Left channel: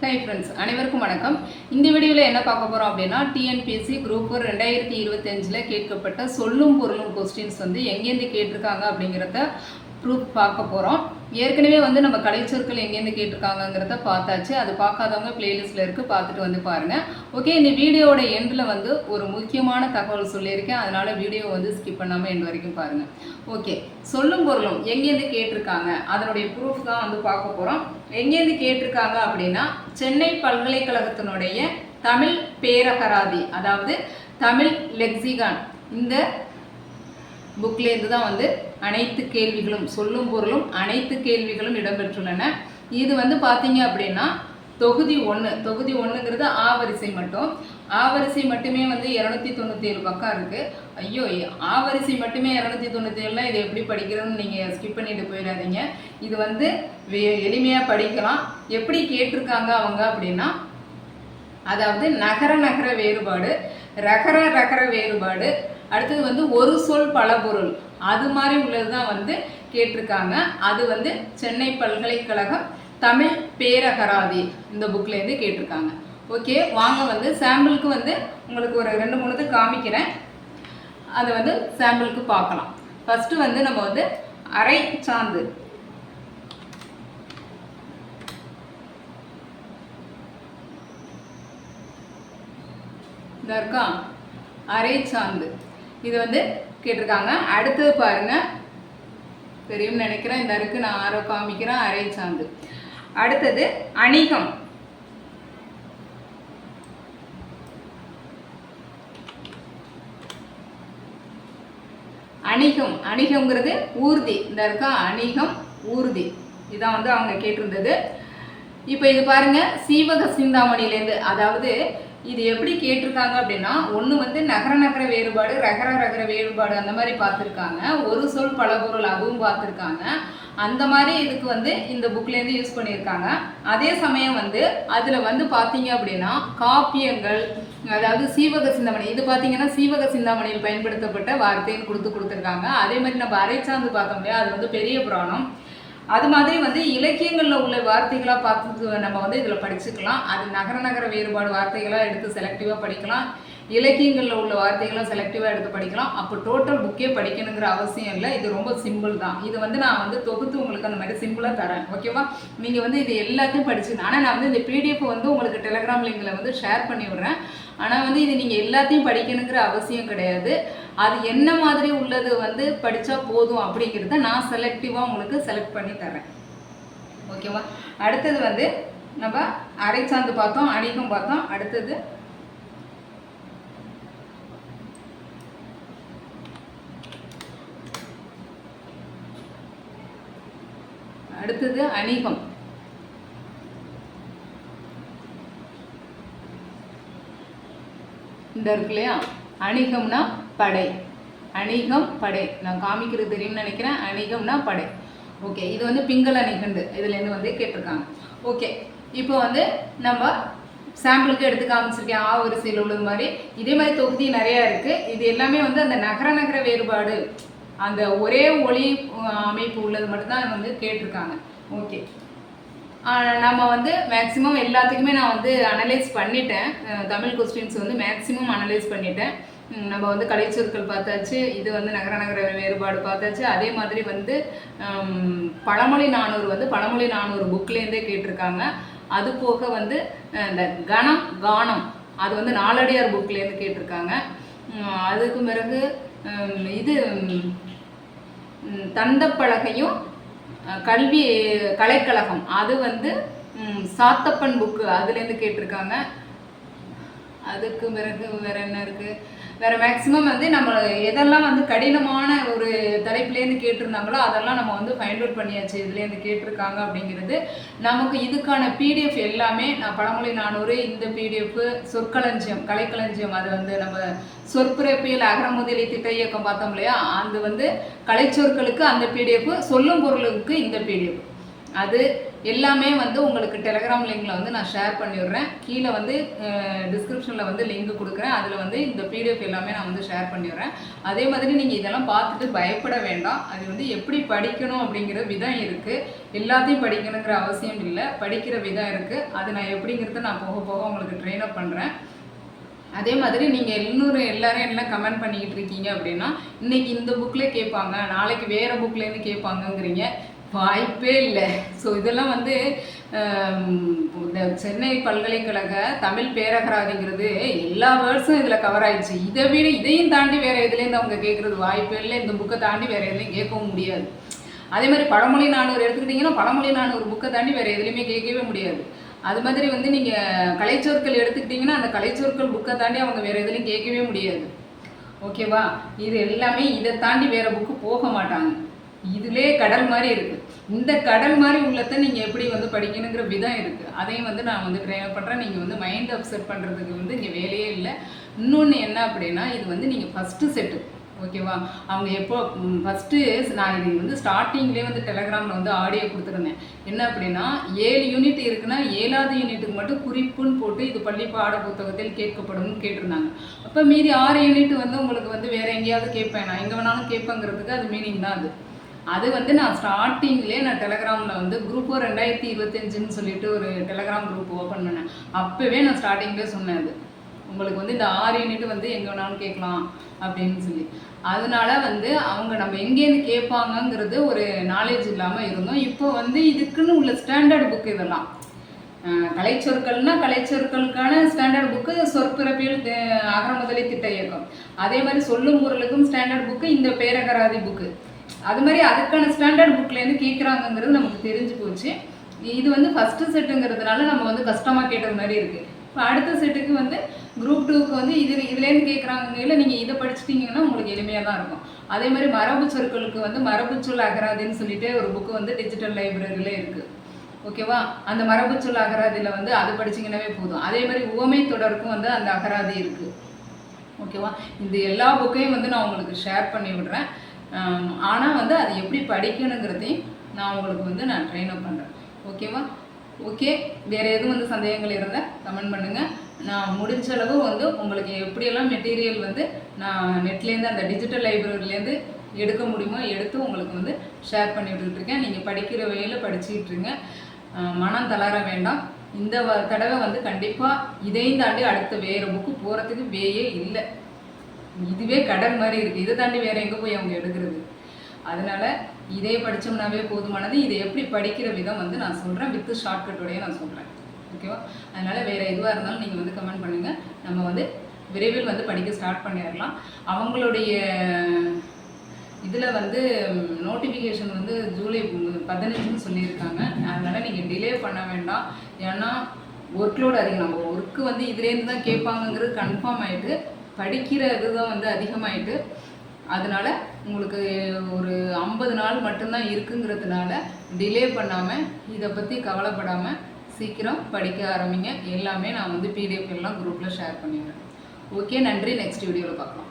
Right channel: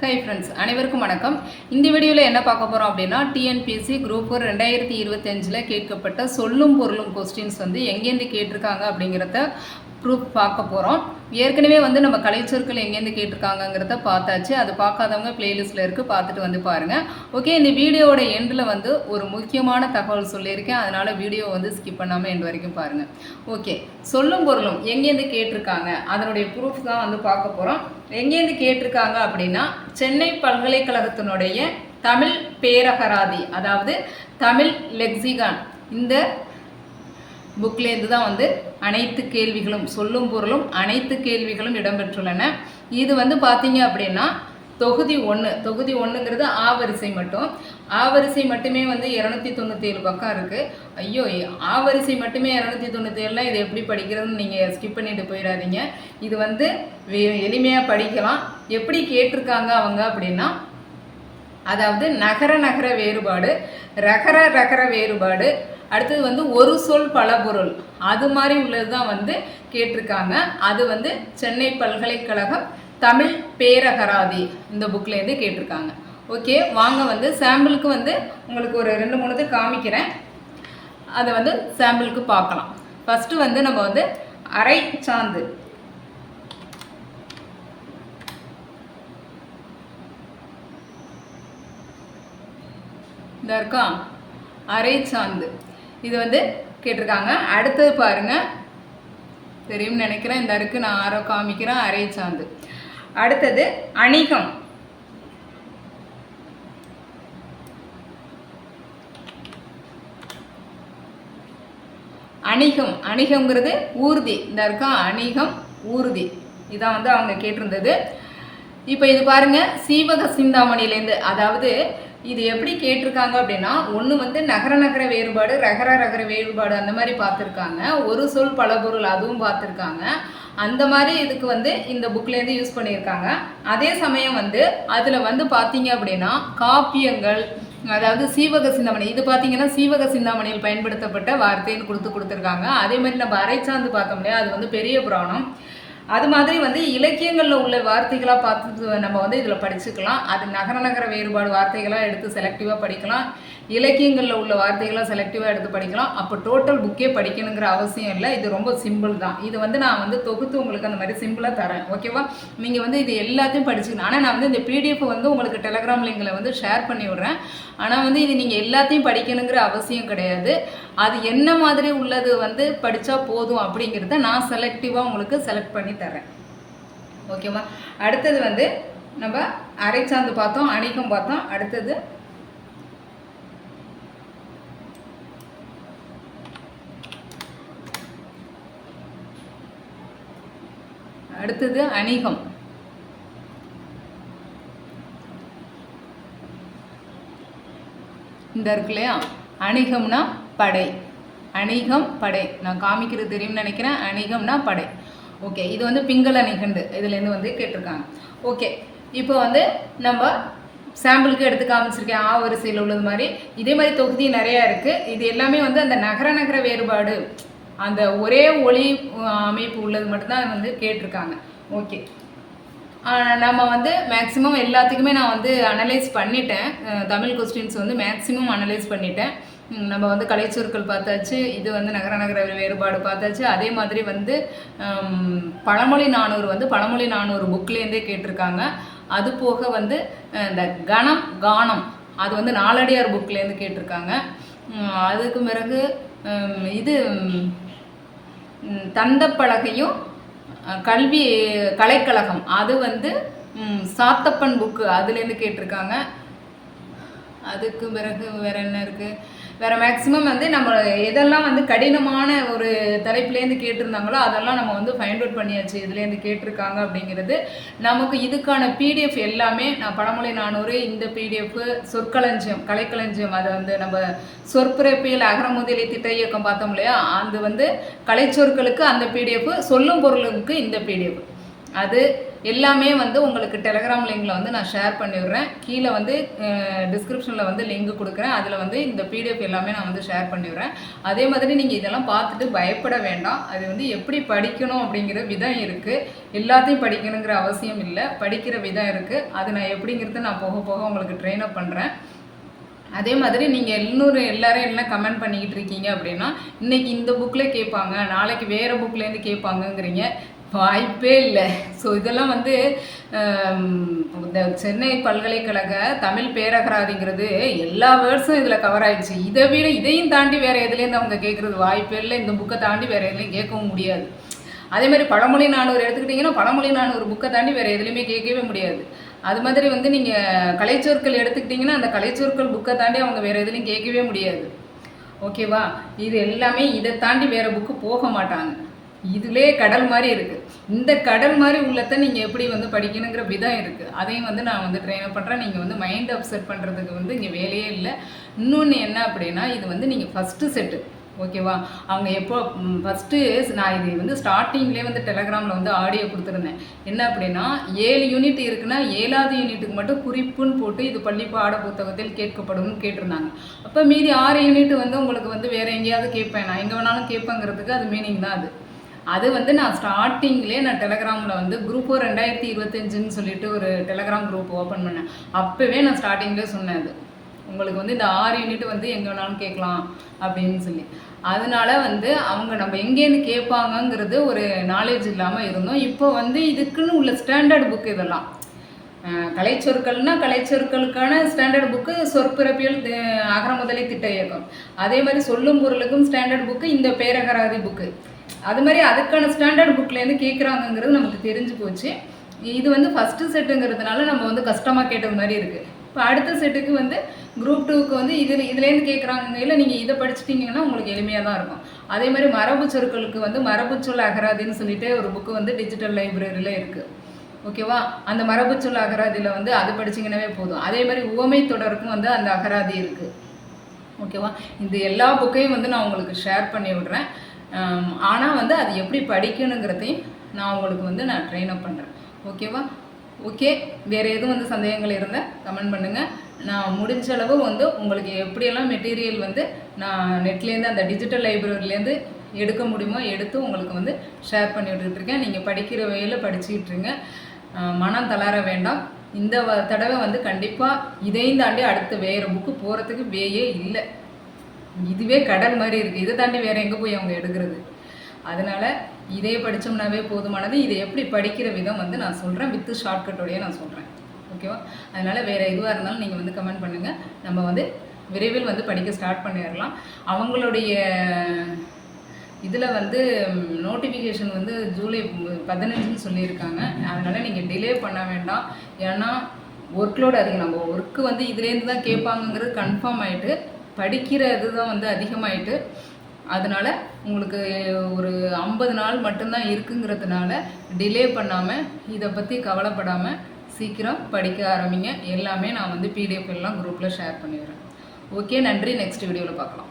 Hi friends, அனைவருக்கும் வணக்கம். இந்த வீடியோவில் என்ன பார்க்க போகிறோம் அப்படின்னா, டிஎன்பிஎஸ்சி குரூப் 4 2025 கேட்கப்பட்ட சொல்லும் பொருளும் கொஸ்டின்ஸ் வந்து எங்கேருந்து கேட்டிருக்காங்க அப்படிங்கிறத ப்ரூஃப் பார்க்க போகிறோம். ஏற்கனவே வந்து நம்ம கலைச்சொற்கள் எங்கேருந்து கேட்டிருக்காங்கிறத பார்த்தாச்சு. அது பார்க்காதவங்க பிளேலிஸ்ட்டில் இருக்குது, பார்த்துட்டு வந்து பாருங்கள். ஓகே, இந்த வீடியோவோட எண்டில் வந்து ஒரு முக்கியமான தகவல் சொல்லியிருக்கேன். அதனால் வீடியோ வந்து ஸ்கிப் பண்ணாமல் எண்டு வரைக்கும் பாருங்கள். ஓகே, சொல்லும் பொருளும் எங்கேருந்து கேட்டிருக்காங்க அதனுடைய ப்ரூஃப் தான் வந்து பார்க்க போகிறோம். எங்கேருந்து கேட்டிருக்காங்க அப்படின்னா, சென்னை பல்கலைக்கழகத்தினுடைய தமிழ் பேரகராதி, அதாவது தமிழ் லெக்சிகான், இந்த புக்லேருந்து தான் வந்து அனைத்து கேள்விகளும் சொல்லும் பொருளும் அனைத்து கேள்விகளும் இடம்பெற்றுள்ளன. இது வந்து பார்த்தீங்க அப்படின்னா தொகுதி 1. தொகுதி 1ங்கிறது ஆ வரிசை மட்டும். ஆ வரிசை மட்டுமே வந்து 297 பக்கம் இருக்குது. ஐயோ, ஆ வரிசை மட்டுமே 297, இது எப்படி படிக்கிறதுன்னு நீங்கள் ஸ்கிப் பண்ணிட்டு போயிடாதீங்க. இது வந்து எளிமையாக படிக்கலாம். எப்படி கேட்டிருக்காங்க அவங்க அப்படின்னா, அதாவது நகர நகர வேறுபாடு, ரகர ரகர வேறுபாடு, அடுத்தது வந்து ஒரு சொல் பல பொருள், அது மாதிரி உள்ளது தான் வந்து கேட்டிருக்காங்க. அது வந்து சென்னை பல்கலைக்கழகம் தமிழ் பேரகராதி இந்த புக்லேருந்து கேட்டிருக்காங்க. ஓகே, வாங்க வந்து சாம்பிளுக்கு வந்து உங்களுக்கு ஒரு 2-3 காமிக்கிறேன். அதை வந்து சாம்பிளுக்கு பார்க்கலாம். ஃபஸ்ட்டு வந்து நம்ம வந்து அரை சாந்து, இதா இருக்கா, அரை சாந்து, இது வந்து கேட்டிருக்காங்க. அடுத்தது பாருங்க, தெரியும்னு நினைக்கிறேன், இந்த இருக்கு, நான் ஆரோ காமிக்கிறேன், அரை சாந்து. அடுத்தது அணிகம், அணிகம், அணிகம்ங்கிறது ஊர்தி, இந்த இருக்கா, அணிகம் ஊர்தி, இதான் வந்து அவங்க கேட்டிருந்தது. இப்போ இது பாருங்க, சீவக சிந்தாமணிலேருந்து, அதாவது இது எப்படி கேட்டிருக்காங்க அப்படின்னா, ஒன்று வந்து நகர நகர வேறுபாடு, ரகர ரகர வேறுபாடு, அந்த மாதிரி பார்த்துருக்காங்க. ஒரு சொல் பல பொருள், அதுவும் பார்த்துருக்காங்க. அந்த மாதிரி இதுக்கு வந்து இந்த புக்லேருந்து யூஸ் பண்ணியிருக்காங்க. அதே சமயம் வந்து அதில் வந்து பார்த்தீங்க அப்படின்னா காப்பியங்கள், அதாவது சீவக சிந்தாமணி, இது பார்த்தீங்கன்னா சீவக சிந்தாமணியில் பயன்படுத்தப்பட்ட வார்த்தைன்னு கொடுத்துருக்காங்க. அதே மாதிரி நம்ம அரைச்சாந்து பார்த்தோம் இல்லையா, அது வந்து பெரிய புராணம். அது மாதிரி வந்து இலக்கியங்களில் உள்ள வார்த்தைகளாக பார்த்து நம்ம வந்து இதில் படிச்சுக்கலாம். அது நகர நகர வேறுபாடு வார்த்தைகளாக எடுத்து செலக்டிவாக படிக்கலாம், இலக்கியங்களில் உள்ள வார்த்தைகளாக செலக்டிவாக எடுத்து படிக்கலாம். அப்போ டோட்டல் புக்கே படிக்கணுங்கிற அவசியம் இல்லை. இது ரொம்ப சிம்பிள் தான். இது வந்து நான் வந்து தொகுத்து உங்களுக்கு அந்த மாதிரி சிம்பிளாக தரேன். ஓகேவா, நீங்கள் வந்து இது எல்லாத்தையும் படிச்சுக்கணும். ஆனால் நான் வந்து இந்த பிடிஎஃப் வந்து உங்களுக்கு டெலகிராம் லிங்கில் வந்து ஷேர் பண்ணி விட்றேன். ஆனால் வந்து இது நீங்கள் எல்லாத்தையும் படிக்கணுங்கிற அவசியம் கிடையாது. அது என்ன மாதிரி உள்ளது வந்து படித்தா போதும் அப்படிங்கிறத நான் செலக்டிவாக உங்களுக்கு செலக்ட் பண்ணி தரேன். ஓகேவா, அடுத்தது வந்து நம்ம அரைச்சாந்து பார்த்தோம், அணிகம் பார்த்தோம். அடுத்தது அணிகம், இந்த இருக்கு இல்லையா, அணிகம்னா படை, அணிகம் படை, நான் காமிக்கிறது தெரியும்னு நினைக்கிறேன். அணிகம்னா படை. ஓகே, இது வந்து பிங்கள நிகண்டு, இதுலேருந்து வந்து கேட்டிருக்காங்க. ஓகே, இப்போ வந்து நம்ம சாம்பிளுக்கு எடுத்து காமிச்சிருக்கேன் ஆ வரிசையில் உள்ளது மாதிரி. இதே மாதிரி தொகுதி நிறையா இருக்குது. இது எல்லாமே வந்து அந்த நகர நகர வேறுபாடு, அந்த ஒரே ஒளி அமைப்பு உள்ளது மட்டும்தான் வந்து கேட்டிருக்காங்க. ஓகே, நம்ம வந்து மேக்ஸிமம் எல்லாத்துக்குமே நான் வந்து அனலைஸ் பண்ணிட்டேன். தமிழ் கொஸ்டின்ஸ் வந்து மேக்ஸிமம் அனலைஸ் பண்ணிட்டேன். நம்ம வந்து கலைச்சொற்கள் பார்த்தாச்சு, இது வந்து நகர நகர வேறுபாடு பார்த்தாச்சு. அதே மாதிரி வந்து பழமொழி 400 வந்து பழமொழி 400 புக்லேருந்தே கேட்டிருக்காங்க. அது போக வந்து இந்த கணம் கானம், அது வந்து நாலடியார் புக்லேருந்து கேட்டிருக்காங்க. அதுக்கு பிறகு இது தந்தப்பலகையும் கல்வி கலைக்கழகம், அது வந்து சாத்தப்பன் புக்கு, அதுலேருந்து கேட்டிருக்காங்க. அதுக்கு பிறகு வேறு என்ன இருக்குது, வேறு மேக்ஸிமம் வந்து நம்ம எதெல்லாம் வந்து கடினமான ஒரு தலைப்புலேருந்து கேட்டிருந்தாங்களோ அதெல்லாம் நம்ம வந்து ஃபைண்ட் அவுட் பண்ணியாச்சு, இதுலேருந்து கேட்டிருக்காங்க அப்படிங்கிறது. நமக்கு இதுக்கான பிடிஎஃப் எல்லாமே நான் பழமொழி 400, இந்த பிடிஎஃப் சொற்களஞ்சியம் கலைக்களஞ்சியம், அதை வந்து நம்ம சொற்பிறப்பியல் அகர முதலி திட்ட இயக்கம் பார்த்தோம் இல்லையா, அது வந்து கலைச்சொற்களுக்கு அந்த பிடிஎஃப், சொல்லும் பொருளுக்கு இந்த பிடிஎஃப், அது எல்லாமே வந்து உங்களுக்கு டெலகிராம் லிங்கில் வந்து நான் ஷேர் பண்ணிவிடுறேன். கீழே வந்து டிஸ்கிரிப்ஷனில் வந்து லிங்க் கொடுக்குறேன். அதில் வந்து இந்த பிடிஎஃப் எல்லாமே நான் வந்து ஷேர் பண்ணிவிடுறேன். அதே மாதிரி நீங்கள் இதெல்லாம் பார்த்துட்டு பயப்பட வேண்டாம். அது வந்து எப்படி படிக்கணும் அப்படிங்கிற விதம் இருக்குது. எல்லாத்தையும் படிக்கணுங்கிற அவசியம் இல்லை, படிக்கிற விதம் இருக்குது. அது நான் எப்படிங்கிறது நான் போக போக உங்களுக்கு ட்ரெயின் அப் பண்ணுறேன். அதே மாதிரி நீங்கள் இன்னொரு எல்லாரும் என்ன கமெண்ட் பண்ணிக்கிட்டு இருக்கீங்க அப்படின்னா, இன்றைக்கி இந்த புக்கில் கேட்பாங்க, நாளைக்கு வேறு புக்லேருந்து கேட்பாங்கங்கிறீங்க. வாய்ப்பே இல்லை. ஸோ இதெல்லாம் வந்து இந்த சென்னை பல்கலைக்கழக தமிழ் பேரகராதிங்கிறது எல்லா வேர்ட்ஸும் இதில் கவர் ஆயிடுச்சு. இதையும் தாண்டி வேறு எதுலேருந்து அவங்க கேட்குறது வாய்ப்பே இல்லை. இந்த புக்கை தாண்டி வேறு எதுலேயும் கேட்கவும் முடியாது. அதே மாதிரி பழமொழி 400 எடுத்துக்கிட்டிங்கன்னா பழமொழி 400 புக்கை தாண்டி வேறு எதுலேயுமே கேட்கவே முடியாது. அது மாதிரி வந்து நீங்கள் கலைச்சொற்கள் எடுத்துக்கிட்டிங்கன்னா அந்த கலைச்சொற்கள் புக்கை தாண்டி அவங்க வேறு எதுலையும் கேட்கவே முடியாது. ஓகேவா? இது எல்லாமே இதை தாண்டி வேறு புக்கு போக மாட்டாங்க. இதிலே கடல் மாதிரி இருக்குது. இந்த கடல் மாதிரி உள்ளத்தை நீங்கள் எப்படி வந்து படிக்கணுங்கிற விதம் இருக்குது. அதையும் வந்து நான் வந்து ட்ரெயின் பண்ணுறேன். நீங்கள் வந்து மைண்ட் அப்செட் பண்ணுறதுக்கு வந்து இங்கே வேலையே இல்லை. இன்னொன்று என்ன அப்படின்னா, இது வந்து நீங்கள் ஃபஸ்ட்டு செட்டு. ஓகேவா? அவங்க எப்போ ஃபஸ்ட்டு நான் இது வந்து ஸ்டார்டிங்லேயே வந்து டெலகிராமில் வந்து ஆடியோ கொடுத்துருந்தேன். என்ன அப்படின்னா 7 யூனிட் இருக்குன்னா 7வது யூனிட்டுக்கு மட்டும் குறிப்புன்னு போட்டு இது பள்ளி பாட புத்தகத்தில் கேட்கப்படும்னு கேட்டிருந்தாங்க. அப்போ மீதி 6 யூனிட் வந்து உங்களுக்கு வந்து வேறு எங்கேயாவது கேட்பேன், நான் எங்கே வேணாலும் கேட்பேங்கிறதுக்கு அது மீனிங் தான் அது வந்து நான் ஸ்டார்டிங்லேயே நான் டெலகிராமில் வந்து குரூப் 2025ன்னு சொல்லிட்டு ஒரு டெலகிராம் குரூப் ஓப்பன் பண்ணேன். அப்போவே நான் ஸ்டார்டிங்லேயே சொன்னேன், அது உங்களுக்கு வந்து இந்த 6 யூனிட் வந்து எங்கே வேணாலும் கேட்கலாம் அப்படின்னு சொல்லி. அதனால வந்து அவங்க நம்ம எங்கேருந்து கேட்பாங்கங்கிறது ஒரு நாலேஜ் இல்லாமல் இருந்தோம். இப்போ வந்து இதுக்குன்னு உள்ள ஸ்டாண்டர்ட் புக் இதெல்லாம் கலைச்சொற்கள்னா கலைச்சொற்களுக்கான ஸ்டாண்டர்ட் புக்கு சொற்பிறப்பியல் அகரமுதலி திட்ட இயக்கம். அதே மாதிரி சொல்லும் பொருளுக்கும் ஸ்டாண்டர்ட் புக்கு இந்த பேரகராதி புக்கு. அது மாதிரி அதுக்கான ஸ்டாண்டர்ட் புக்லேருந்து கேட்குறாங்கங்கிறது நமக்கு தெரிஞ்சு போச்சு. இது வந்து ஃபஸ்ட்டு செட்டுங்கிறதுனால நம்ம வந்து கஷ்டமாக கேட்டது மாதிரி இருக்குது. இப்போ அடுத்த செட்டுக்கு வந்து குரூப் 2க்கு வந்து இதுலேருந்து கேட்குறாங்க. இல்லை நீங்கள் இதை படிச்சிட்டிங்கன்னா உங்களுக்கு எளிமையாக தான் இருக்கும். அதே மாதிரி மரபு சொற்களுக்கு வந்து மரபுச்சொல் அகராதின்னு சொல்லிட்டு ஒரு புக்கு வந்து டிஜிட்டல் லைப்ரரியில் இருக்குது. ஓகேவா? அந்த மரபுச்சொல் அகராதியில் வந்து அது படிச்சிங்கன்னாவே போதும். அதே மாதிரி உவமை தொடருக்கும் வந்து அந்த அகராதி இருக்குது. ஓகேவா? இந்த எல்லா புக்கையும் வந்து நான் உங்களுக்கு ஷேர் பண்ணி விடுறேன். ஆனால் வந்து அது எப்படி படிக்கணுங்கிறதையும் நான் உங்களுக்கு வந்து நான் ட்ரெயின் அப் பண்ணுறேன். ஓகேவா? ஓகே, வேறு எதுவும் வந்து சந்தேகங்கள் இருந்தால் கமெண்ட் பண்ணுங்கள். நான் முடிஞ்ச அளவு வந்து உங்களுக்கு எப்படியெல்லாம் மெட்டீரியல் வந்து நான் நெட்லேருந்து அந்த டிஜிட்டல் லைப்ரரியிலேருந்து எடுக்க முடியுமோ எடுத்து உங்களுக்கு வந்து ஷேர் பண்ணி விட்டுருக்கேன். நீங்கள் படிக்கிற வகையில் படிச்சுக்கிட்டுருங்க. மனம் தளர வேண்டாம். இந்த தடவை வந்து கண்டிப்பாக இதையும் தாண்டி அடுத்த வேறு புக்கு போகிறதுக்கு வேயே இல்லை. இதுவே கடல் மாதிரி இருக்குது. இதை தாண்டி வேறு எங்கே போய் அவங்க எடுக்கிறது? அதனால் இதே படித்தோம்னாவே போதுமானது. இதை எப்படி படிக்கிற விதம் வந்து நான் சொல்கிறேன், வித்து ஷார்ட்கட்டோடையே நான் சொல்கிறேன். ஓகேவா? அதனால் வேறு எதுவாக இருந்தாலும் நீங்கள் வந்து கமெண்ட் பண்ணுங்கள். நம்ம வந்து விரைவில் வந்து படிக்க ஸ்டார்ட் பண்ணிடலாம். அவங்களுடைய இதில் வந்து நோட்டிஃபிகேஷன் வந்து ஜூலை 15ன்னு சொல்லியிருக்காங்க. அதனால் நீங்கள் டிலே பண்ண வேண்டாம். ஏன்னா ஒர்க்லோடு அதிகம். நம்ம ஒர்க்கு வந்து இதுலேருந்து தான் கேட்பாங்கங்கிறது கன்ஃபார்ம் ஆகிட்டு, படிக்கிற இதுதான் வந்து அதிகமாகிட்டு, அதனால் உங்களுக்கு ஒரு 50 நாள் மட்டும்தான் இருக்குங்கிறதுனால டிலே பண்ணாமல், இதை பற்றி கவலைப்படாமல் சீக்கிரம் படிக்க ஆரம்பிங்க. எல்லாமே நான் வந்து பிடிஎஃப் எல்லாம் குரூப்பில் ஷேர் பண்ணிடுறேன். ஓகே, நன்றி. நெக்ஸ்ட் வீடியோவில் பார்க்கலாம்.